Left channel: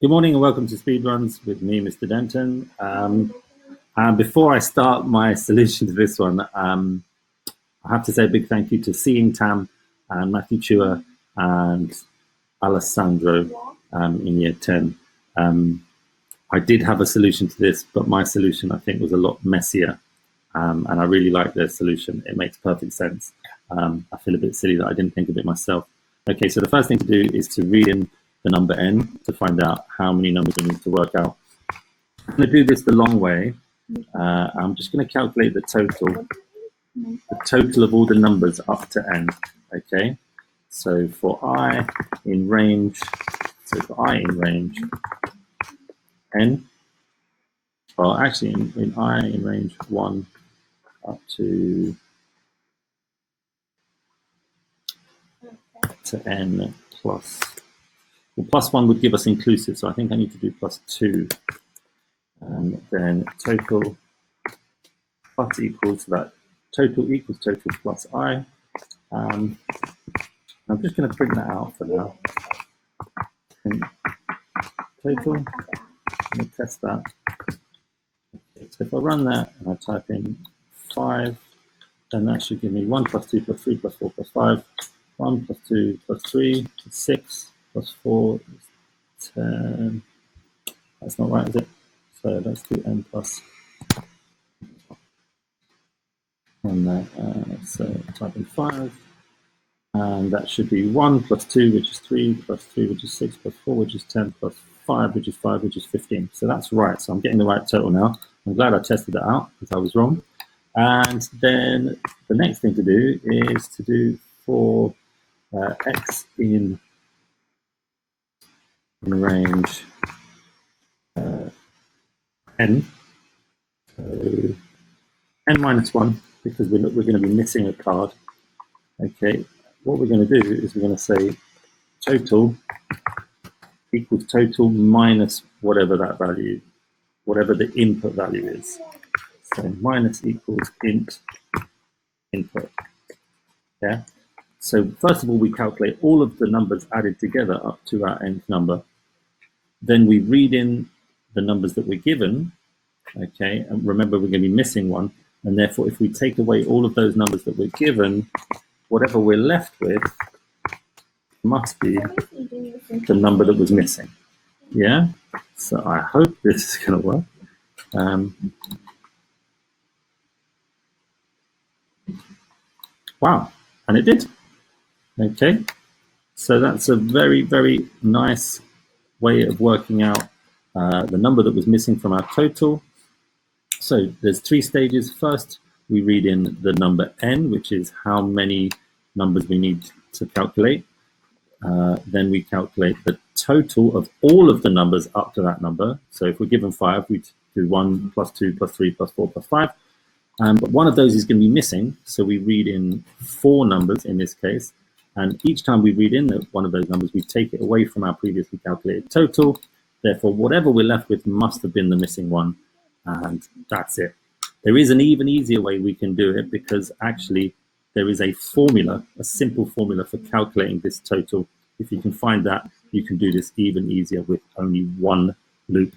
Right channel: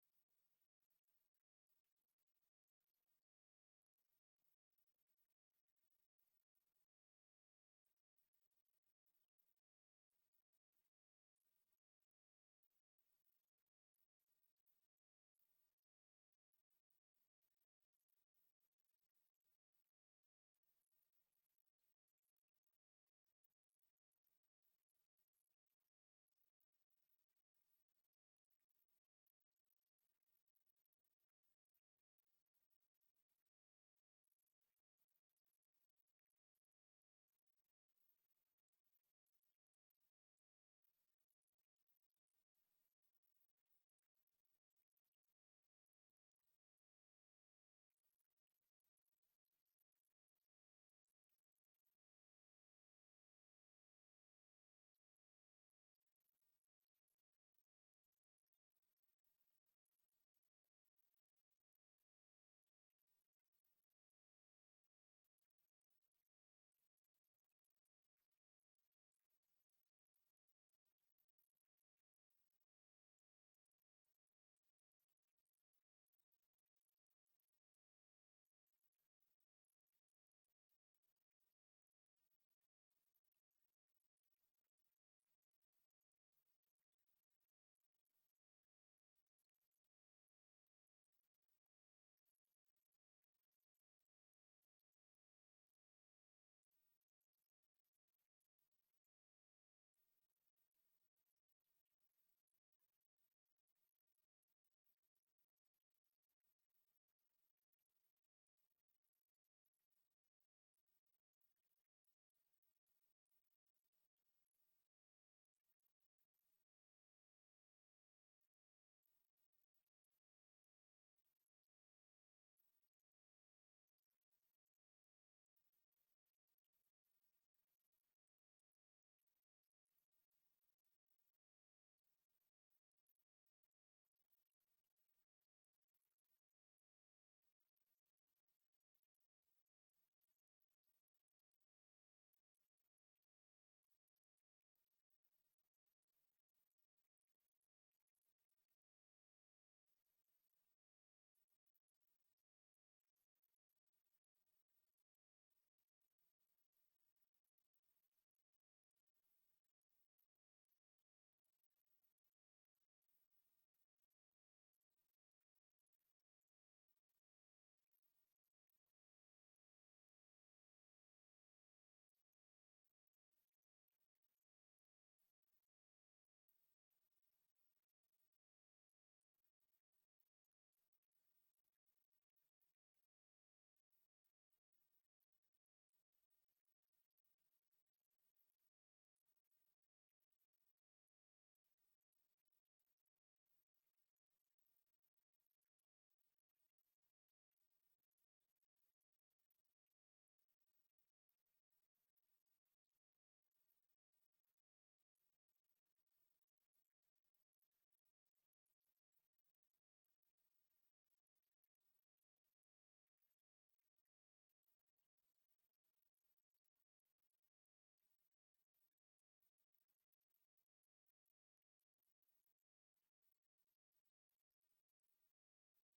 Good morning and welcome to Speedruns with me, Mr. Denton. And before I start my solution to this one, I have to say a big thank you to Seeing Tam and Matthew Chua and Alessandro in year 10. I did have a solution to this, but my solution I think was a lot messier. And I really like their solution. It makes perfect sense. I feel a bit silly that I didn't think of it myself. Okay, so the first thing to do is to read in the number n to find out how many numbers we need to work out. I'm going to do this the long way. I'm just going to calculate the total of all the numbers up to n. Okay, so for I in range n, well actually in I in range 1 up to n plus. Well, plus 1 would give us inclusive, so I think I need to do plus 2. And then total plus equals that. Total equals total plus I. I'm just going to print that out for now. And total, I'm going to test that. Okay, so if I run that and I type in 5, then that should give me 1 plus 2 plus 3 plus 4 plus 5. 1 plus 2 plus 3 plus 6. Plus 4 is 10. That's not right, is it? So let's do n plus. And that, so type in 5. And that should be 1 plus 2, which is 3, plus 3, which is 6, plus 4, which is 10, plus 5, which is 5, which is 15. So that's right. So I'm getting the right total now. I'm glad I tested that out because I was wrong. And then the next thing to do is to do for x in range n, so n minus 1, because we're going to be missing a card. Okay, what we're going to do is we're going to say total equals total minus whatever that value, whatever the input value is. So minus equals input. Yeah. So first of all, we calculate all of the numbers added together up to our nth number. Then we read in the numbers that we're given, okay, and remember we're going to be missing one, and therefore if we take away all of those numbers that we're given, whatever we're left with must be the number that was missing. Yeah, so I hope this is going to work. Wow, and it did. Okay, so that's a very, very nice way of working out the number that was missing from our total. So there's 3 stages. First, we read in the number n, which is how many numbers we need to calculate. Then we calculate the total of all of the numbers up to that number. So if we're given 5, we do 1 plus 2 plus 3 plus 4 plus 5. But one of those is going to be missing, so we read in 4 numbers in this case. And each time we read in one of those numbers, we take it away from our previously calculated total. Therefore, whatever we're left with must have been the missing one. And that's it. There is an even easier way we can do it, because actually there is a formula, a simple formula for calculating this total. If you can find that, you can do this even easier with only one loop